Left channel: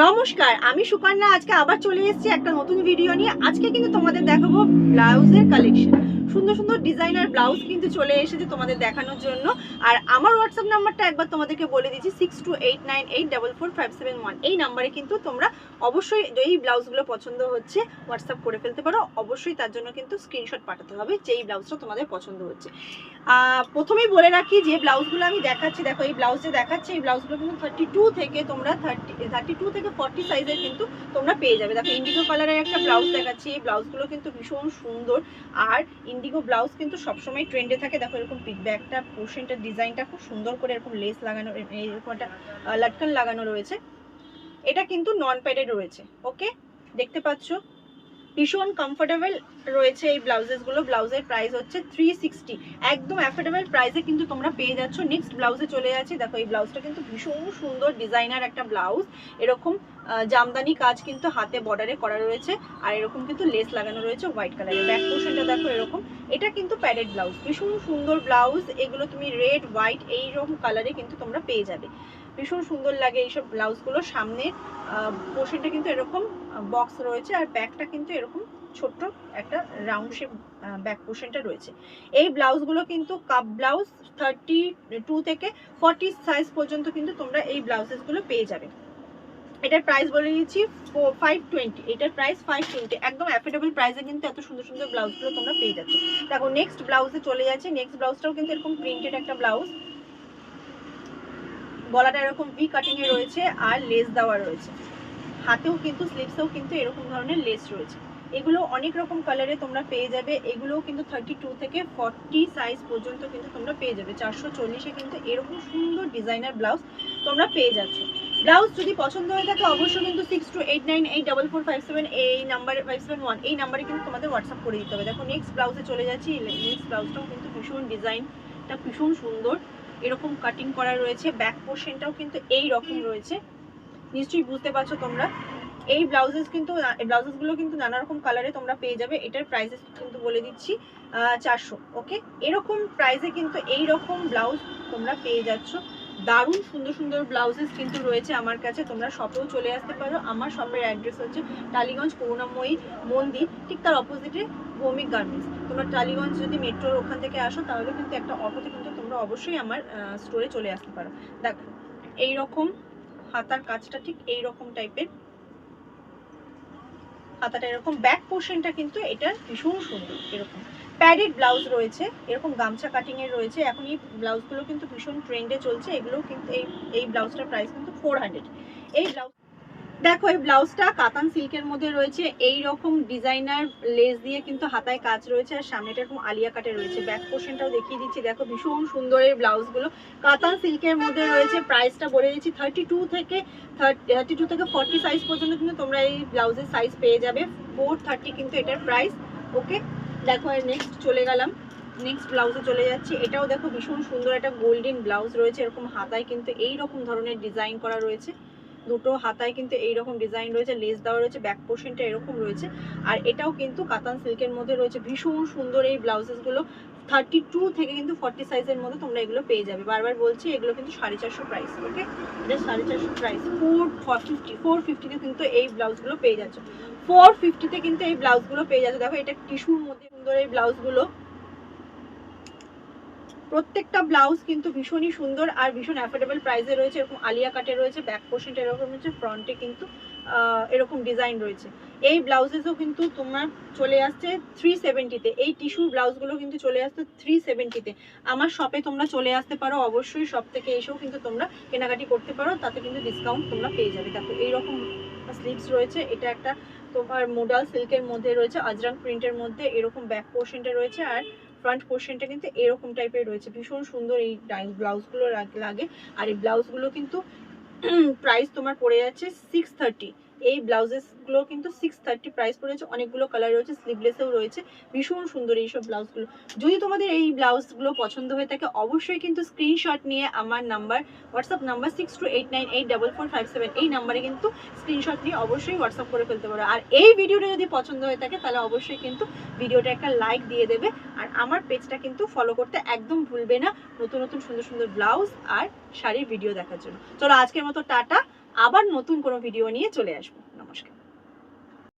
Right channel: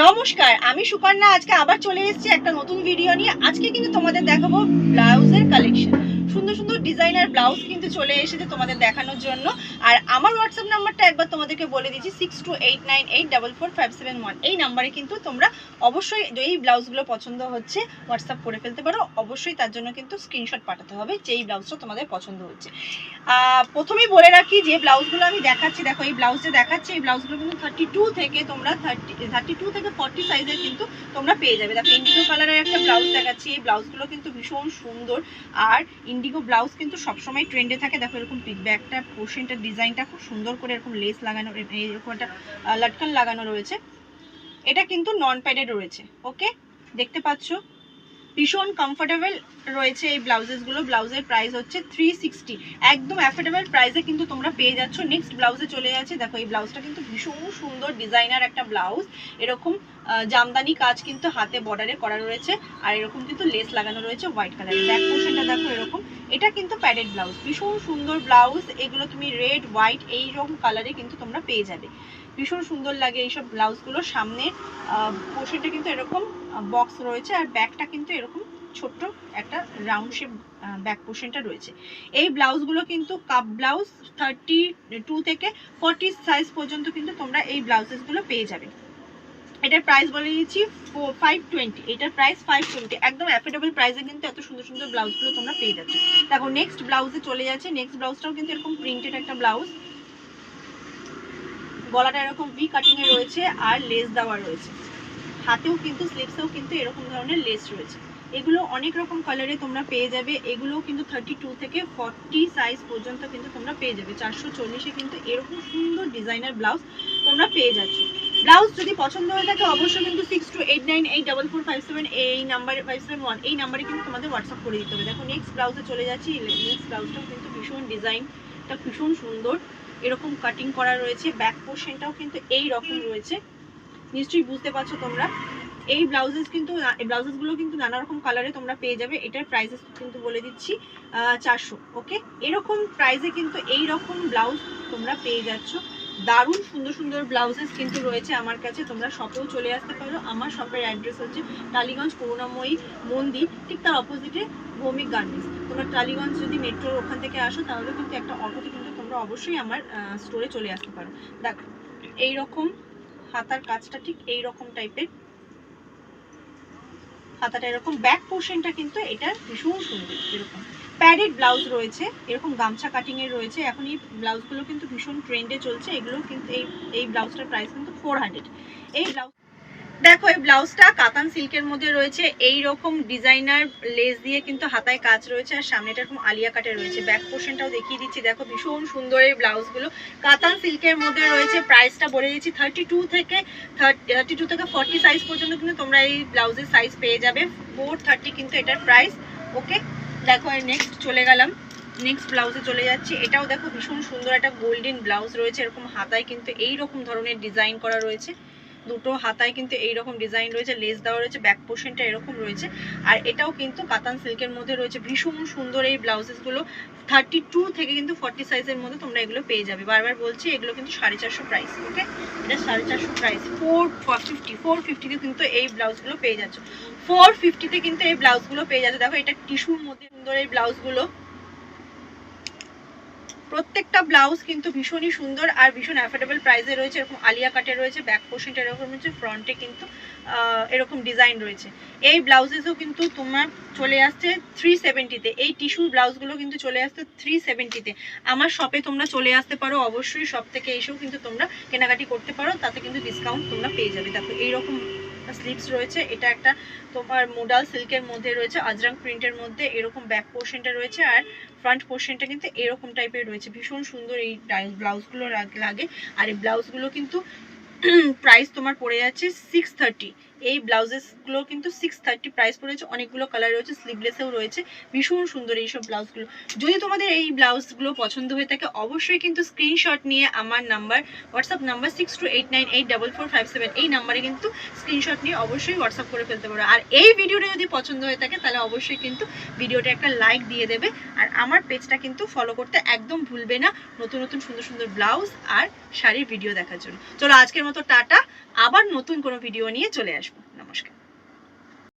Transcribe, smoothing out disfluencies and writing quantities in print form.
নমস্কার, আমি সুপর্ণা। আজকে আবার চলে এসেছি একটা নতুন ভিডিও নিয়ে। আজকে কিন্তু তোমাদের দেখাবো ব্লাউজের কালেকশন। সুন্দর সুন্দর ডিজাইনার ব্লাউজ কিন্তু চলে এসেছে তোমাদের দেখানোর জন্য। আর আমার হোয়াটসঅ্যাপ নাম্বারটা একবার তোমাদেরকে বলে দিচ্ছি, 6289844571। এই নাম্বারে কিন্তু তোমরা অবশ্যই এই ব্লাউজগুলো পছন্দ হচ্ছে হোয়াটসঅ্যাপ করে ফেলতে পারো। অবশ্যই তার জন্য কিন্তু স্ক্রিনশট পাঠাতে হবে যেই ব্লাউজটা তোমাদের পছন্দ হচ্ছে। প্রথমেই বলে রাখি যে ব্লাউজগুলো আমি দেখাচ্ছি, দেখো এই ব্লাউজটা দেখাচ্ছি, এই ব্লাউজগুলো কিন্তু 32 থেকে তোমরা 32 থেকে 40 সাইজের কিন্তু তোমরা পেয়ে যাবে। দেখো ইন্ডিগো কালারের একটা ব্লাউজ দেখাচ্ছি, এই ব্লাউজগুলো কিন্তু ভীষণ সুন্দর। আর ইন্ডিগো ব্লাউজ কিন্তু সবসময় ট্রেন্ডে থাকে। দেখো এরকম পিক ব্যাকটা পোর্শনটার ডিজাইনটা খুব সুন্দর করে এরকম লেস লাগানো, এরকম একটা লাটকান লাগানো রয়েছে। এটা কিন্তু নন প্যাডেড রয়েছে। ওকে, দেখতে পাচ্ছ ভীষণ কমফোর্টেবল রয়েছে এই ব্লাউজেসগুলো। ব্লাউজের প্রাইস হচ্ছে 360, একদম অ্যাফোর্ডেবল প্রাইসে কিন্তু তোমরা পেয়ে যাচ্ছ। নেক্সট ব্লাউজে চলে যাচ্ছে। দেখো এই ব্লাউজটা কিন্তু ভীষণ সুন্দর ডিজাইনার একটা ব্লাউজ। এরকম জামদানি কাজ কিন্তু হাতে বর্ডারে করা রয়েছে, আর এরকম কিন্তু লেস লাগানো রয়েছে হোয়াইট কালারের। ব্যাক পোর্শনটা দেখো এরকম, এটা কিন্তু প্যাডেড ব্লাউজ, ভীষণ সুন্দর ব্লাউজ। এগুলো তুমি রেড হোয়াইট এইরকম কালারে কিন্তু তোমরা পেয়ে যাবে। ভীষণ সুন্দর লাগে এইসব ব্লাউজগুলো। সামনে পোর্শনটা কিন্তু এরকম বক্স রয়েছে, আর ব্যাকটা কিন্তু এরকম ছোট্ট একটা রাউন্ড শেপ ব্যাক পোর্শনটা রয়েছে। এই ব্লাউজগুলো কিন্তু কাপ ব্লাউজ 32 থেকে 40 সাইজ পর্যন্ত কিন্তু তোমরা এই ব্লাউজেসগুলো পেয়ে যাবে। এটার প্রাইস বলে দিচ্ছি 520। এটার প্রাইস 520, একদম অ্যাফোর্ডেবল প্রাইসে কিন্তু এত সুন্দর সুন্দর ব্লাউজগুলো তোমরা পেয়ে যাচ্ছ। দেখো নেক্সট ব্লাউজে চলে যাচ্ছে। নেক্সট ব্লাউজটাও কিন্তু এরকম প্রিন্টেড একটা ব্লাউজ, গলাটা এরকম ভি কাটিং এ রয়েছে আর লেস দেওয়া রয়েছে। হাতেও কিন্তু স্লিভসেও কিন্তু এরকম ধরনের লেস রয়েছে। এগুলো অনেক রকম কালারে তোমরা পেয়ে যাবে। এগুলো কিন্তু 32 থেকে 40 সাইজ পর্যন্ত কিন্তু তোমরা পেয়ে যাবে। 440-এ কিন্তু এরকম সুন্দর ডিজাইনার ব্লাউজ তোমরা পেয়ে যাচ্ছ। ব্লাউজ যদি পছন্দ হয়ে থাকে অবশ্যই কিন্তু 6289844571 এই নাম্বারে 571 এই নাম্বারে কিন্তু তোমাদের হোয়াটসঅ্যাপ করে দিতে হবে। দেখো নেক্সট ব্লাউজে চলে যাচ্ছি। নেক্সট ব্লাউজটাও কিন্তু ভীষণ ডিজাইনটা ভীষণ সুন্দর, এরকম কাটিং করা রয়েছে। ব্যাক পোর্শনটাও কিন্তু এই রকম রয়েছে, নিশ্চয়ই বুঝতে পারছো তোমরা। এই ব্লাউজেসগুলো কিন্তু নানা রকম কালারে তোমরা পেয়ে যাবে। এটার প্রাইসেস কিন্তু বলে দিচ্ছি 400। ওকে, এরকম প্রাইসে কিন্তু এই রকম ব্লাউজ তোমরা পেয়ে যাচ্ছ। দারুণ সুন্দর সুন্দর ব্লাউজেস কিন্তু রয়েছে আমার কাছে। তোমরা শপেও চলে আসতে পারো। আমার শপের অ্যাড্রেস হচ্ছে টালিগঞ্জ করুণাময়ী মন্দির, ঠিক তার অপোজিটে ভৌমিক গার্মেন্টস। তোমরা টালিগঞ্জ যদি মেট্রোর ওখান থেকে আসো তাহলে কিন্তু একটা অটোতে কিন্তু তোমরা অবশ্যই আমার স্টোরে চলে আসতে পারো। দেখো এইরকম হাতার কাজটা ঠিক এই রকম টাইপের, হাতাটা এরকম, ব্যাক পোর্শনটা কিন্তু এটা ভীষণ সুন্দর। এরকম প্যাডেড ব্লাউজ রয়েছে, এরকম গামছা কাটিং এর রয়েছে। এখন এই ব্লাউজগুলো কিন্তু ভীষণ ট্রেন্ডে চলছে। এগুলো কিন্তু এই ব্লাউজটার প্রাইস কিন্তু 400। এই ব্লাউজ দেখো এই ব্লাউজটা কাতান সিল্কের মধ্যে রয়েছে। এই রকম ডিজাইনার লেস দিয়ে কিন্তু হাতায় কাজ রয়েছে, আর সামনেটা এরকম আলিয়া কাটে রয়েছে। ব্যাক পোর্শনটাও দেখিয়ে দিচ্ছি। দেখো ভীষণ সুন্দর এই ব্লাউজগুলো কাতান সিল্কের মধ্যে রয়েছে। প্রাইসটা বলে দিচ্ছি 32 থেকে 40 সাইজ পর্যন্ত কিন্তু তোমরা এই ব্লাউজের সাইজ পেয়ে যাবে। 430 কিন্তু এটার প্রাইস। ওকে, দেখো নেক্সট চলে গেলাম। নেক্সট ব্লাউজে চলে যাচ্ছি। এটাও দেখো ভীষণ সুন্দর একটা গোল্ডেন ব্লাউজ রয়েছে। এরকম হাতায় কিন্তু এই রকম ধরনের ডিজাইন করা রয়েছে। দুটো হাতায় কিন্তু এইরকম ডিজাইন রয়েছে, লেস দেওয়া রয়েছে, ব্যাক পোর্শনটা এরকম রয়েছে। আর এটাও কিন্তু কাতান সিল্কের মধ্যে রয়েছে। ভীষণ সুন্দর এই ব্লাউজেসগুলো 32 থেকে কিন্তু 40 সাইজের মধ্যে তোমরা এগুলো পেয়ে যাবে। বারবার বলছি এগুলো কিন্তু 450 প্রাইস। ওকে, এটা 450 প্রাইস। 450 কিন্তু এই ব্লাউজগুলো পেয়ে যাচ্ছ। 450-তে কিন্তু এই ব্লাউজগুলো পেয়ে যাচ্ছে। দেখো এটা টিস্যুর মধ্যে সুন্দর এই ব্লাউজগুলো। প্রত্যেকটা ব্লাউজ কিন্তু ভীষণই সুন্দর আর ভীষণ অ্যাফোর্ডেবল প্রাইসে রয়েছে। এরকম আলিয়া কাটে রয়েছে, ব্যাক পোর্শনটা এরকম রয়েছে, ফ্রন্টে কিন্তু এরকম ডিজাইন রয়েছে। এই ব্লাউজেসও কিন্তু তোমার চলে আসছে 370-তে। এই টিস্যু ব্লাউজগুলো কিন্তু চলে আসছে 370-তে। আমার শপে তোমরা চলে আসতে পারো, অবশ্যই শপ থেকে এসেও কিন্তু তোমরা কেনাকাটি করতে পারো, তাতে কিন্তু ডিসকাউন্ট তোমরা পেয়ে যাবে। দেখো এইরকম স্লিভস রয়েছে। এটা একটা তোমার মোডাল সিল্কের মধ্যে রয়েছে, আজরাং প্রিন্টের মধ্যে। এরকম ব্যাক পোর্শনটা রয়েছে, আর ফ্রন্ট পোর্শনটা কিন্তু এরকম টাইপের রয়েছে। ভীষণ সুন্দর এই ব্লাউজগুলো লাগে। আর এই ব্লাউজগুলো কিন্তু প্রাইস তোমার পড়ে যাচ্ছে 630। এই ব্লাউজেসগুলো কিন্তু 630 প্রাইস পড়েছে। অনেকগুলো কালার রয়েছে, স্লিভলেসেও রয়েছে। ভীষণ সুন্দর এইসব ব্লাউজগুলো। যদি তোমাদের এই ব্লাউজগুলো পছন্দ হয়ে থাকে অবশ্যই কিন্তু স্ক্রিনশট নিয়ে আমার নাম্বার, হোয়াটসঅ্যাপ নাম্বার 6289844571 এই নাম্বারে কিন্তু স্ক্রিনশট নিয়ে অবশ্যই হোয়াটসঅ্যাপ করে ফেলতে পারো। আর এই ভিডিওটা যদি পছন্দ হয়ে থাকে তাহলে অবশ্যই কিন্তু ভিডিওটা একটা লাইক দিয়ে দেবে। আর আমার পেজটা কিন্তু ফলো করতে একদম ভুলবে না, নতুন নতুন সুন্দর সুন্দর ব্লাউজ আর শাড়ির ভিডিও দেখার জন্য। চলো আজকের মতো টাটা, আবার নতুন কোনো ভিডিও নিয়ে চলে আসবো।